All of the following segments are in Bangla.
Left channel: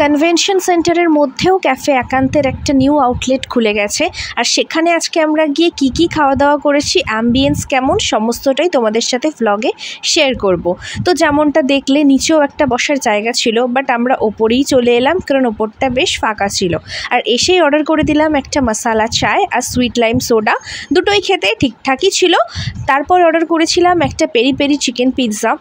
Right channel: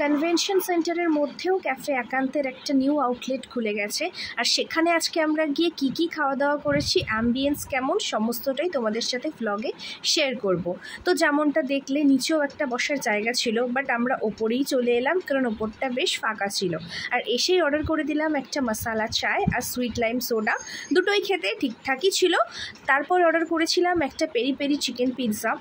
কনভেনশন সেন্টারের মধ্যেও ক্যাফে একান্তের একটা নিউ আউটলেট খুলে গেছে, আর সেখানে আজকে আমরা গিয়ে কি খাওয়া দাওয়া করেছি, অ্যাম্বিয়েন্স কেমন, সমস্তটাই তোমাদের সাথে ভ্লগে শেয়ার করব। তো যেমনটা দেখলে নিচেও একটা বসার জায়গা ছিল, বাট আমরা ওপরেই চলে এলাম কারণ ওপরটা বেশ ফাঁকা ছিল। আর এসেই অর্ডার করে দিলাম একটা মশালা চায় আর সুইট লাইম সোডা, দুটোই খেতে ঠিকঠাকই ছিল। তারপর অর্ডার করেছিলাম একটা পেরি পেরি চিকেন পিৎজা,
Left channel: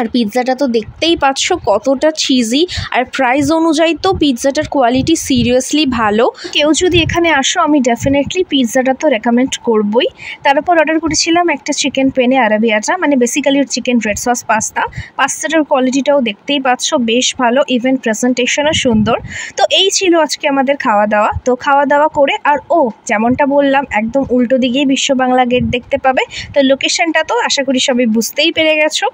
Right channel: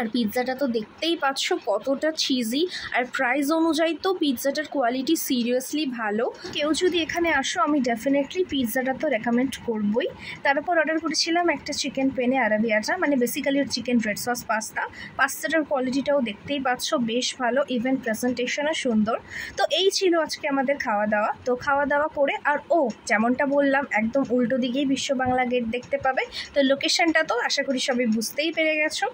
আর পিৎজাটা তো দেখতেই পাচ্ছ কতটা চিজি, আর প্রাইস অনুযায়ী তো পিৎজাটার কোয়ালিটি সিরিয়াসলি ভালো। কেউ যদি এখানে আসো আমি ডেফিনেটলি পিৎজাটা তো রেকমেন্ড করবই। তারপর অর্ডার করেছিলাম একটা চিকেন পেনে আরাবিয়াটা, মানে বেসিক্যালি চিকেন রেড সস পাস্তাটার কোয়ালিটিটাও দেখতেই পাচ্ছ বেশ ভালো, ইভেন প্রেজেন্টেশনও সুন্দর। তো এই ছিল আজকে আমাদের খাওয়া দাওয়া। তো খাওয়া দাওয়া করে আর যেমনটা বললাম একদম উল্টো দিকেই বিশ্ব বাংলা গেট দেখতে পাবে। তো লোকেশনটা তো আশা করি সবাই বুঝতেই পেরে গেছো।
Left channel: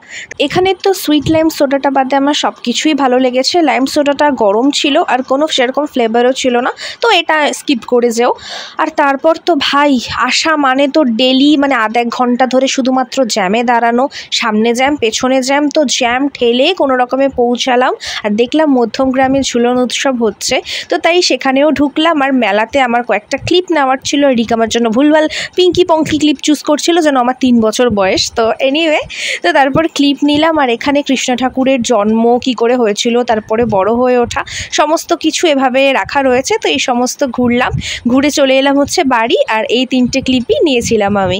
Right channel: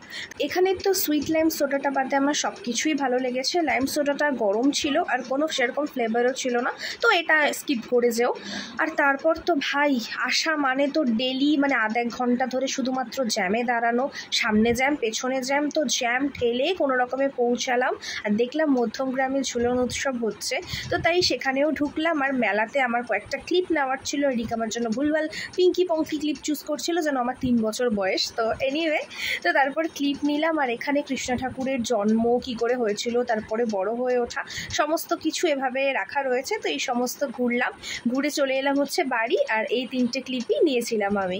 এখানে তো সুইট লাইম সোডাটা বাদে আমার সব কিছুই ভালো লেগেছে। লাইম সোডাটা গরম ছিল আর কোনো সেরকম ফ্লেভারও ছিল না, তো এটা স্কিপ করে যেও। আর তারপর তো ভাই আসা মানে তো ডেলি মানে আধ এক ঘন্টা ধরে শুধুমাত্র জ্যামে দাঁড়ানো, সামনে জ্যাম পেছনে জ্যাম, তো জ্যাম ঠেলে কোনো রকমে পৌঁছালাম। আর দেখলাম মধ্যমগ্রামে ঝুলন উৎসব হচ্ছে, তো তাই সেখানেও ঢুকলাম। আর মেলাতে আমার কয়েকটা ক্লিপ নেওয়ার ছিল, রিক আমার জন্য ভুলভাল পিঙ্কি পঙ্কি ক্লিপ চুজ করছিল যেন আমার 3 বছর বয়স। তো এনিওয়ে, তো তারপর ক্লিপ নিলাম। আর এখানে কৃষ্ণ ঠাকুরের জন্ম কি করে হয়েছিল, তারপরে বড় হয়ে ওঠা, সমস্ত কিছু এভাবে রাখা রয়েছে। তো এই সমস্ত ঘুরলাম, ঘুরে চলে এলাম হচ্ছে বাড়ি। আর এই 3টে ক্লিপই নিয়েছিলাম আমি।